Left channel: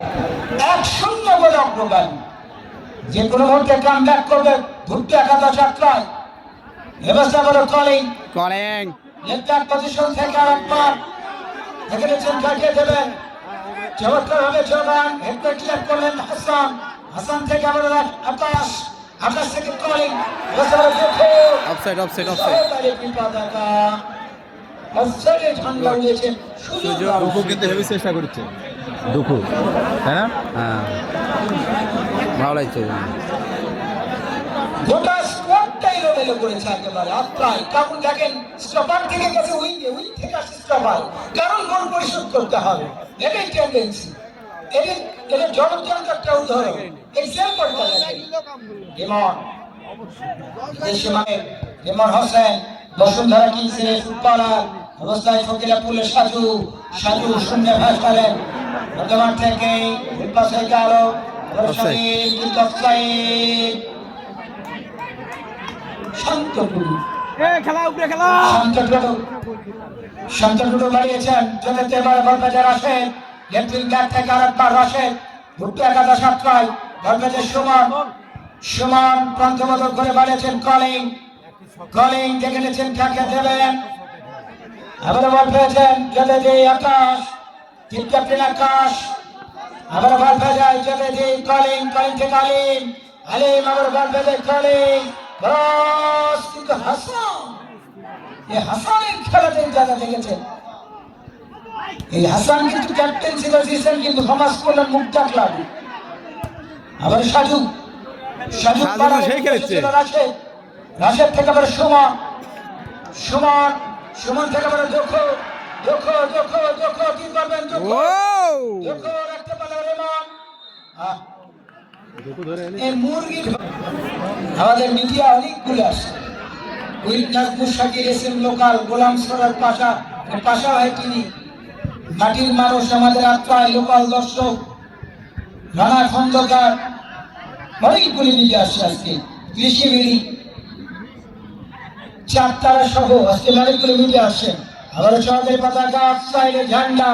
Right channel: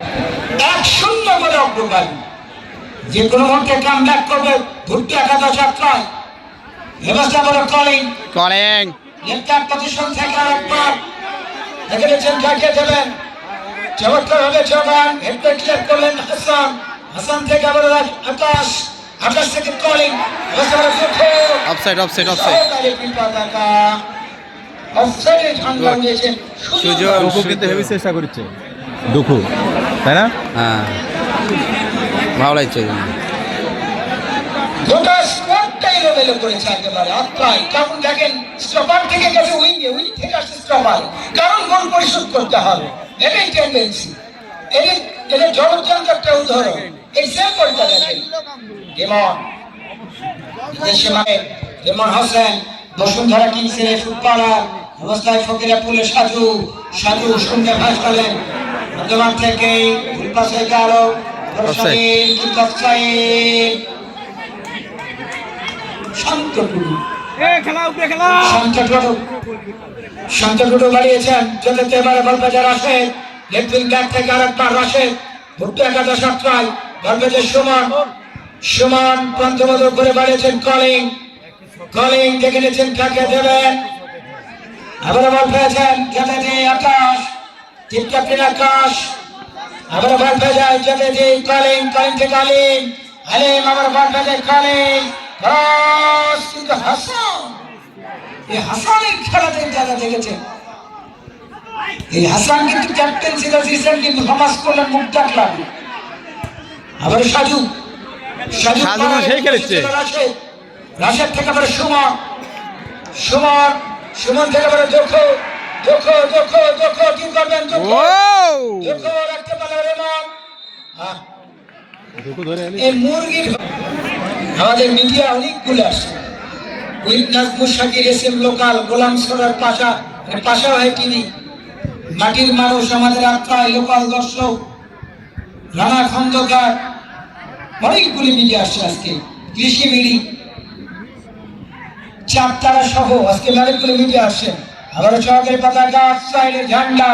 1-0 বলে অগ্রগামী। যে কোনো মুহূর্তে কামব্যাক করবে ভুট্টি একাদশ যাত্রায়। ব্যবস্থা বলো কলিং লেফট পজিশন থেকে আরেকবার দেখে নিচ্ছেন কাকে দেবেন। চমৎকার হবে চলেন হেডব্যাক ক্লিয়ার করলেন হাসান। হাসান থেকে আবার আকাশ, আকাশ থেকে কলিং। অফসাইড অফসাইডে ঝান্ডা উড়িয়েছেন দুঃখু কিন্তু হেভি চেষ্টা করছে দুঃখু, তাই না? হ্যাঁ, ভালো লাগছে। গোটা স্কোয়াডটাই লেভেল করেছে একেবারে আত্মায়। কারণ দেখেন স্টপার থেকে গেছে উইঙ্গে, উইং থেকে আসছে স্টপার, কারণ গোল পরিশোধ করতে হবে। এটাই টেন্ডেন্সি। এটা জনতন্ত্র একটা উদাহরণ। এক্সাম্পল দেখেন ইমন হোসেন বসুন্ধরা কিংসের ফুটবলার অবস্থায় ফকিরাপুলে সাজু শূন্য ভাস পেলেন মধ্যমাঠ থেকে ভুল পাস হয়ে গেল। শান্তটুকু বাড়িয়েছেন যদি এবারে বলবাজার আসে লেফট উইং ব্যাক থেকে আরেকবার আসে ভুট্টি একাদশ যাত্রায় বলবাজার সুমন পঞ্চমদর করে বাড়িয়েছেন কলিং দেখে নিয়েছেন কাকে দেবেন। আবার বল পেয়েছেন খেলে দিয়ে আকাশ, টিপকাপিন আকাশ আবার বল পেয়ে যায় খেলে দিয়ে কলিং থেকে আলিম আবার বল পেয়ে যায় কলিং। কিন্তু হাসান, এই হাসানের খেলাতে যারা দেখেছেন, এই হাসান কিন্তু ক্যাপ্টেন ছিল রিসেন্টলি সমাজ কল্যাণ মুখ ডাকলাম। আবার সাজু সেই খেলেছে রাশেদ থেকে আবার সুমন থেকে আবার দেখো কি করবেন রাখতে পারলেন এই মুরগি। আমাদের মিডিয়া অনেকগুলো আসে, উইটনেস মুশাকির এসএম লোকাল গোলাম সরের পাশা হয় তিনি মাটির মানুষ আমাদের আত্মায় লোকাল দর্শক রানা খন্দকার অনেকগুলি মিডিয়া আসছে আজকে কৃষি মিডি চারতারা সহ আজকে অনেকগুলি মিডিয়া আসছে। আবারও সরকারি পতাকা সাইডে ঝান্ডা